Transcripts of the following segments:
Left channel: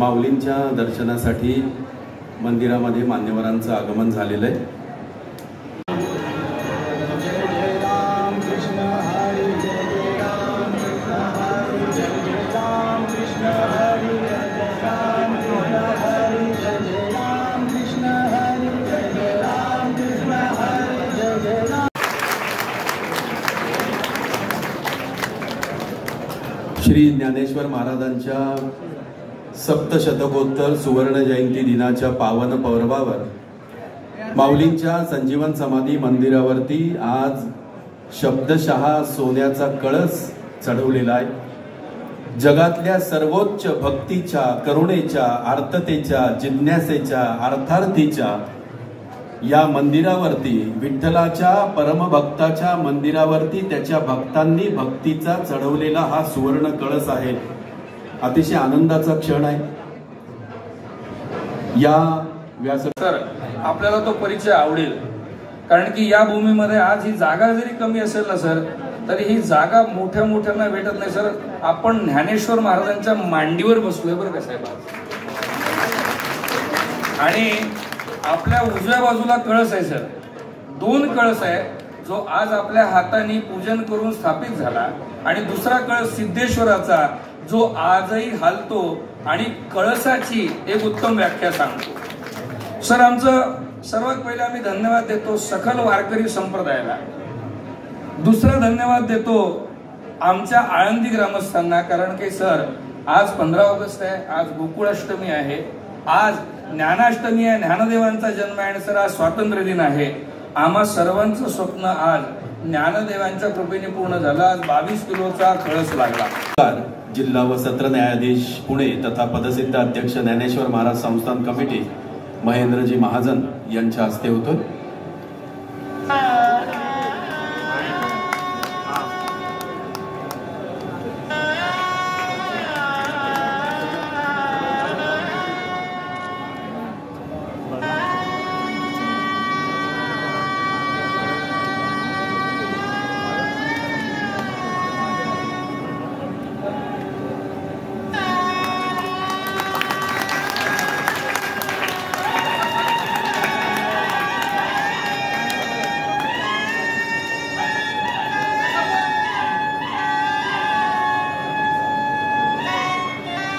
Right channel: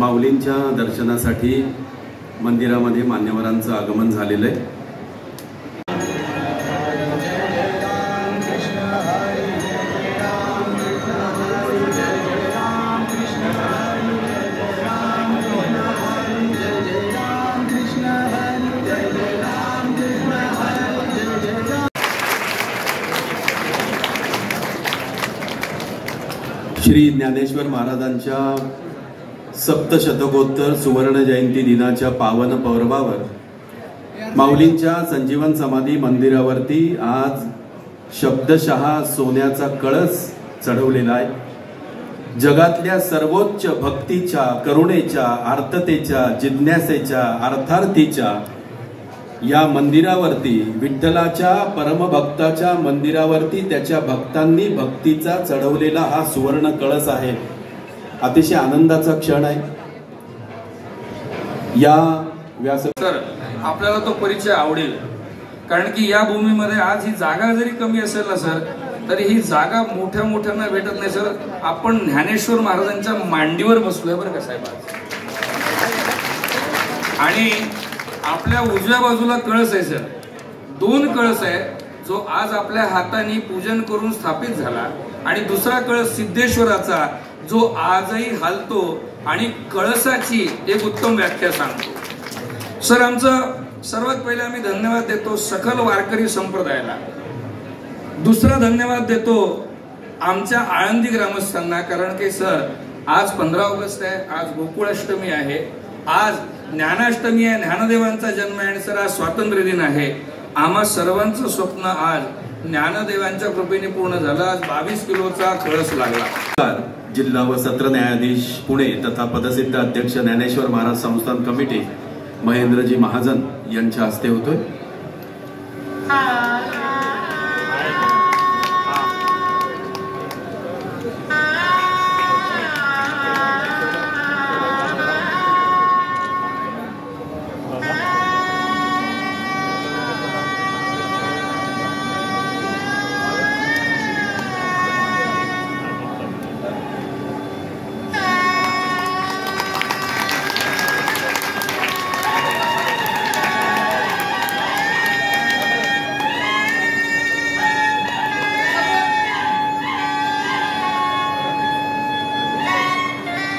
माऊलींच्या दर्शनासाठी मंदिरामध्ये मान्यवरांचं आगमन झालेलं आहे। श्री ज्ञानेश्वर महाराजांच्या सप्तशतकोत्तर सुवर्ण जयंती दिनाच्या पावन पर्वावर माऊलींच्या संजीवन समाधी मंदिरावरती आज शब्दशः सोन्याचा कळस चढवलेला आहे। जगातल्या सर्वोच्च भक्तीच्या, करुणेच्या, आर्ततेच्या, जिज्ञासेच्या, अर्थार्थीच्या या मंदिरावरती, विठ्ठलाच्या परमभक्ताच्या मंदिरावरती त्याच्या भक्तांनी भक्तीचा चढवलेला हा सुवर्ण कळस आहे। अतिशय आनंदाचा क्षण आहे। या व्यासपीठावर आपल्याला तो परिचय आवडेल, कारण की या भूमीमध्ये आज ही जागा जरी कमी असेल ना सर, तरी ही जागा मोठ्या मोठ्यांना भेटत नाही सर। आपण ज्ञानेश्वर महाराजांच्या मांडीवर बसलोय बरं का साहेब। आणि आपल्या उजव्या बाजूला कळस आहे सर, 2 कळस आहे, जो आज आपल्या हाताने पूजन करून स्थापित झाला, आणि दुसरा कळस सिद्धेश्वराचा जो आजही हालतो आणि कळसाची एक उत्तम व्याख्या सांगतो। सर, आमचं सर्वात पहिले आम्ही धन्यवाद देतो सखल वारकरी संप्रदायाला। दुसरा धन्यवाद देतो आमच्या आळंदी ग्रामस्थांना, कारण की सर आज 15 ऑगस्ट आहे, आज गोकुळाष्टमी आहे, आज ज्ञानाष्टमी आहे, ज्ञानदेवांचा जन्म आहे, आणि सर आज स्वातंत्र्य दिन आहे। आम्हा सर्वांचं स्वप्न आज ज्ञानदेवांच्या कृपेने पूर्ण झालं। आज 22 किलोचा कळस लागला। जिल्हा व सत्र न्यायाधीश पुणे तथा पदसिद्ध अध्यक्ष ज्ञानेश्वर महाराज संस्थान कमिटी महेंद्रजी महाजन यांच्या हस्ते होतोय।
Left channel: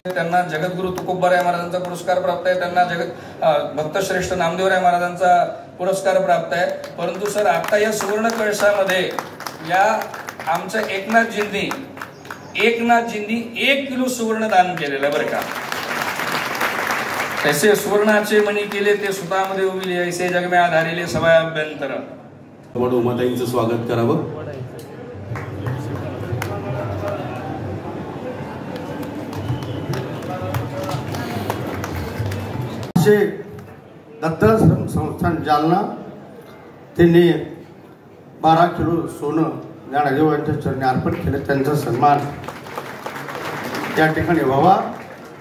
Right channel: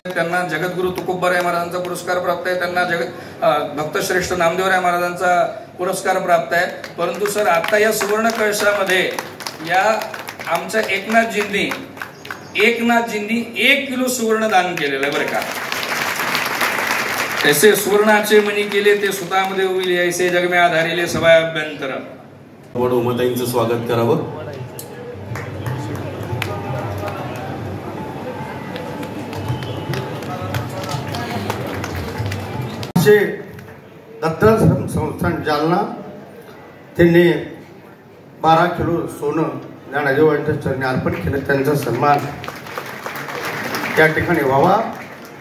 त्यांना जगद्गुरु तुकोबाराय महाराजांचा पुरस्कार प्राप्त आहे, त्यांना भक्तश्रेष्ठ नामदेवराय महाराजांचा पुरस्कार प्राप्त आहे। परंतु सर आता या सुवर्ण कळशामध्ये या आमच्या एकनाथजींनी 1 किलो सुवर्ण दान केलेलं आहे बरं का। ऐसे सुवर्णाचे मणी केले ते सुतामध्ये उविले, ऐसे जग में आधारिले सवय अभ्यंतर। वड उमाताईंचं स्वागत करावं। दत्ताश्रम संस्थान जालना त्यांनी 12 किलो सोनं ज्ञानदेवांच्या चरणी अर्पण केलं। त्यांचा सन्मान त्या ठिकाणी व्हावा।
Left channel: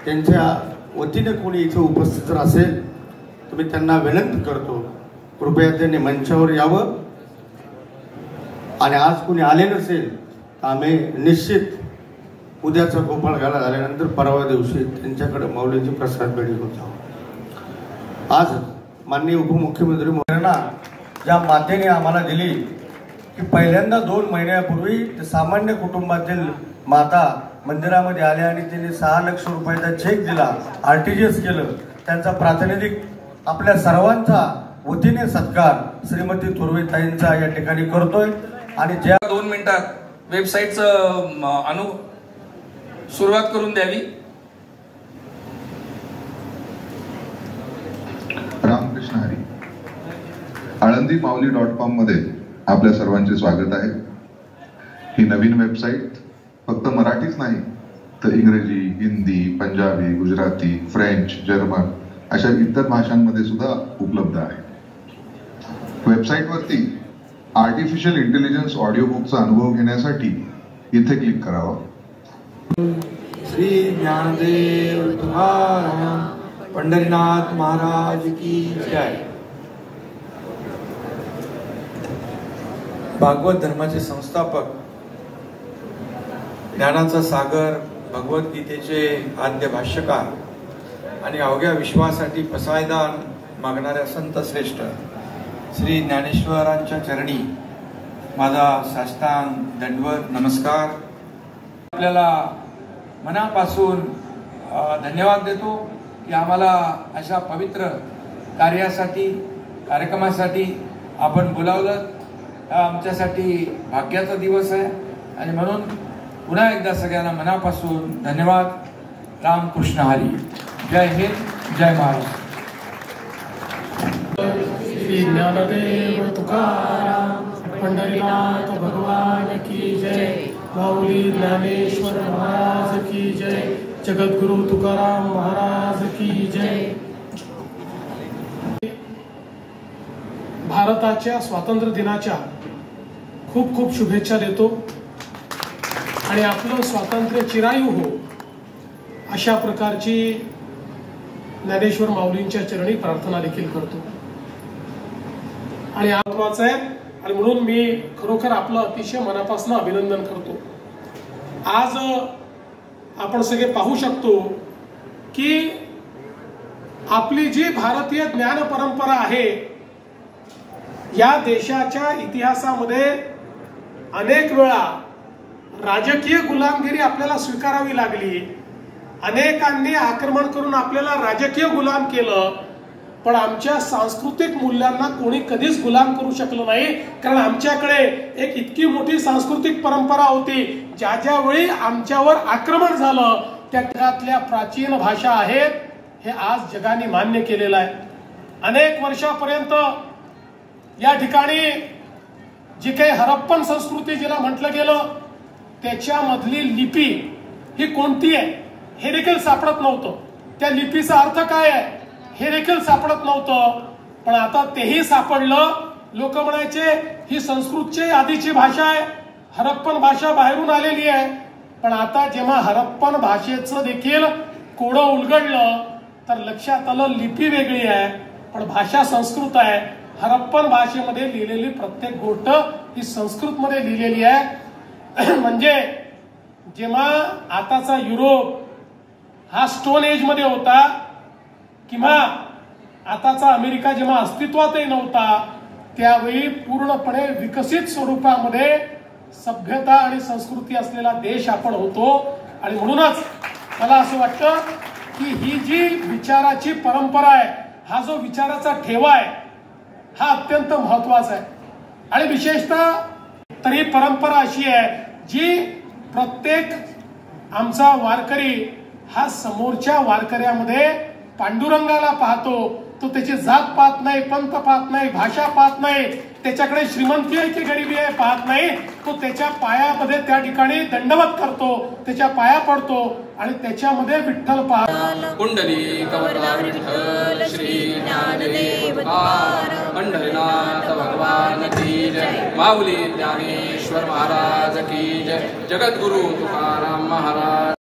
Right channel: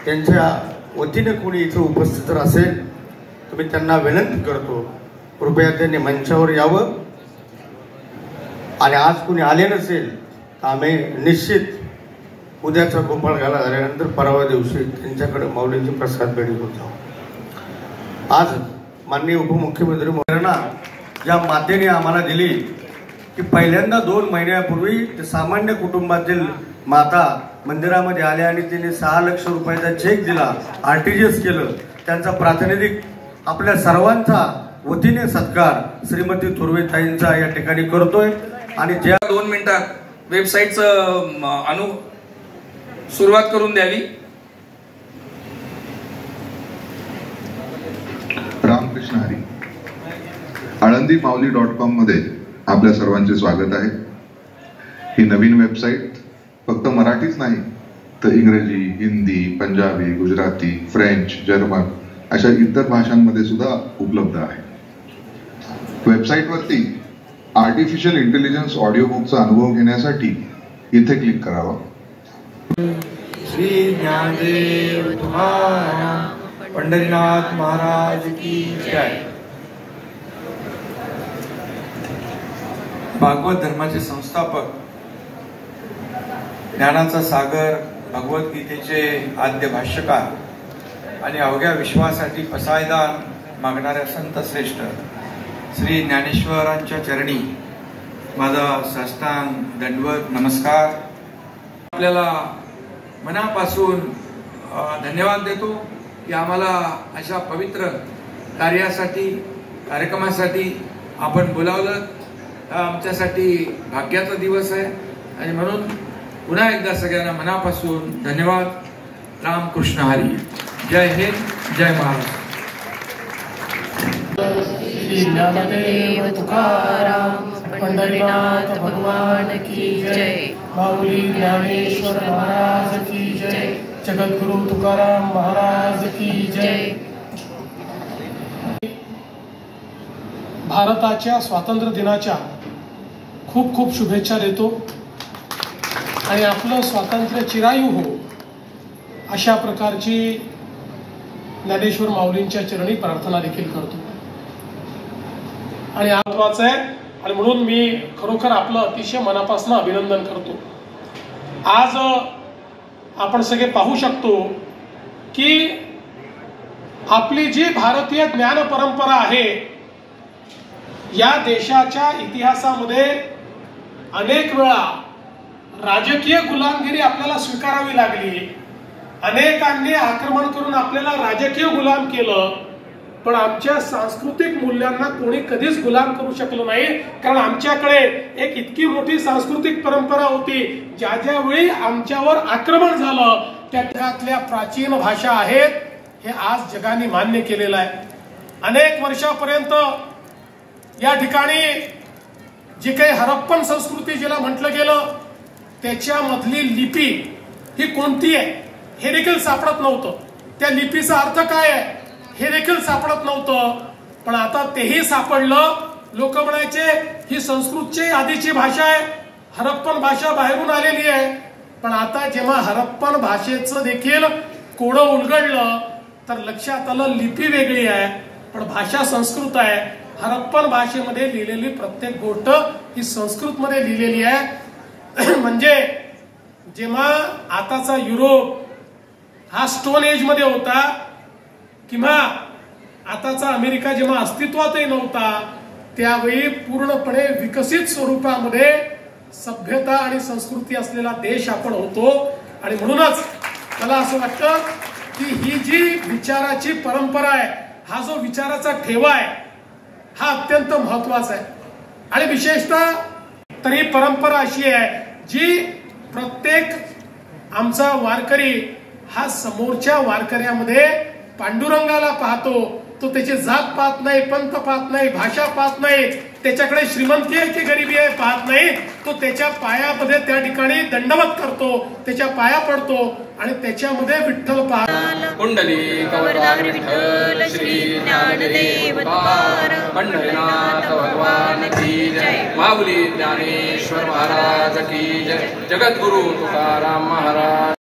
त्यांच्या वतीने कोणी इथे उपस्थित जर असेल तर मी त्यांना विनंती करतो, कृपया त्यांनी मंचावर यावं। आणि आज कोणी आले नसेल तर आम्ही निश्चित उद्याचा गोपाळ घाला झाल्यानंतर परवा दिवशी त्यांच्याकडे माऊलींची प्रसाद भेट घेऊन जाऊ। आज माननीय उपमुख्यमंत्री प्रेरणा या मातेने आम्हाला दिली की पहिल्यांदा 2 महिन्यापूर्वी सामान्य कुटुंबातील माता मंदिरामध्ये आल्या आणि त्यांनी 6 लाख रुपयाचा चेक दिला, RTGS केलं। त्यांचा प्रातिनिधिक आपल्या सर्वांचा वतीने सत्कार श्रीमती थोरवेताईंचा या ठिकाणी करतोय। आणि ज्या 2 मिनिटात वेबसाईटचं सुरुवात करून द्यावी। रामकृष्ण हरी। आळंदीमाऊली.com मध्ये आपल्या सर्वांचे स्वागत आहे। ही नवीन वेबसाईट फक्त मराठीच नाही तर इंग्रजी, हिंदी, पंजाबी, गुजराती, फ्रेंच, जर्मन अशा इतर भाषांमध्ये सुद्धा उपलब्ध आहे। वेबसाईटवरती आर्टिफिशियल इंटेलिजन्स ऑडिओ बुकचा अनुभव घेण्यासाठी इथे क्लिक करावा। श्री ज्ञानदेव तुम्हारा पंढरीनाथ महाराज की जय। भागवत धर्माचे संस्थापक, ज्ञानाचा सागर, भगवद्गीतेचे आद्य भाष्यकार आणि अवघ्या विश्वासाठी पसायदान मागणाऱ्या संत श्रेष्ठ श्री ज्ञानेश्वरांच्या चरणी माझा साष्टांग दंडवत नमस्कार. आपल्याला मनापासून धन्यवाद देतो की आम्हाला अशा पवित्र कार्यासाठी कार्यक्रमासाठी आपण बोलावलं. हा आमच्यासाठी भाग्याचा दिवस आहे आणि म्हणून पुन्हा एकदा सगळ्यांना मनापासून धन्यवाद. रामकृष्ण हरी. जय हिंद, जय महाराष्ट्र. श्री ज्ञानदेव तुकाराम पंढरीनाथ भगवान की जय. माऊली ज्ञानेश्वर महाराज की जय. जगद्गुरु तुकाराम महाराज की जय. भारताच्या स्वातंत्र्य दिनाच्या खूप खूप शुभेच्छा देतो आणि आपलं स्वातंत्र्य चिरायू हो अशा प्रकारची ज्ञानेश्वर माऊलींच्या चरणी प्रार्थना देखील करतो. आणि महत्वाचं आहे आणि म्हणून मी खरोखर आपलं अतिशय मनापासून अभिनंदन करतो. आज आपण सगळे पाहू शकतो की आपली जी भारतीय ज्ञान परंपरा आहे या देशाच्या इतिहासामध्ये अनेक वेळा राजकीय गुलामगिरी आपल्याला स्वीकारावी लागली. अनेकांनी आक्रमण करून आपल्याला राजकीय गुलाम केलं, पण आमच्या सांस्कृतिक मूल्यांना कोणी कधीच गुलाम करू शकलो नाही. कारण आमच्याकडे एक इतकी मोठी सांस्कृतिक परंपरा होती. ज्या ज्यावेळी आमच्यावर आक्रमण झालं त्या जगातल्या प्राचीन भाषा आहेत हे आज जगाने मान्य केलेलं आहे. अनेक वर्षापर्यंत या ठिकाणी जी काही हरप्पन संस्कृती जिला म्हटलं गेलं त्याच्यामधली लिपी ही कोणती आहे हे देखील सापडत नव्हतं. त्या लिपीचा अर्थ काय आहे हे देखील सापडत नव्हतं. पण आता तेही सापडलं. लोक म्हणायचे ही संस्कृतची आधीची भाषा आहे, हरप्पन भाषा बाहेरून आलेली आहे. पण आता जेव्हा हरप्पन भाषेचं देखील कोडं उलगडलं तर लक्षात आलं लिपी वेगळी आहे पण भाषा संस्कृत आहे. हरप्पन भाषेमध्ये लिहिलेली प्रत्येक गोष्ट ही संस्कृतमध्ये लिहिलेली आहे. म्हणजे जेव्हा आताचा युरोप हा स्टोन एज मध्ये होता किंवा आताचा अमेरिका जेव्हा अस्तित्वातही नव्हता त्यावेळी पूर्णपणे विकसित स्वरूपामध्ये सभ्यता आणि संस्कृती असलेला देश आपण होतो. आणि म्हणूनच मला असं वाटतं की ही जी विचाराची परंपरा आहे हा जो विचाराचा ठेवा आहे हा अत्यंत महत्वाचा आहे. आणि विशेषतः तर ही परंपरा अशी आहे जी प्रत्येक आमचा वारकरी हा समोरच्या वारकऱ्यामध्ये पांडुरंगाला पाहतो. तो त्याची जात पाहत नाही, पंथ पाहत नाही, भाषा पाहत नाही, त्याच्याकडे श्रीमंती आहे की गरिबी आहे पाहत नाही. तो त्याच्या पायामध्ये त्या ठिकाणी दंडवत करतो, त्याच्या पाया पडतो आणि त्याच्यामध्ये विठ्ठल पाहतो. कुंडली विठ्ठल श्री ज्ञानदेव तुकाराम पंढरीनाथ भगवान की जय. माऊली ज्ञानेश्वर महाराज की जय. जगद्गुरु तुकाराम महाराज.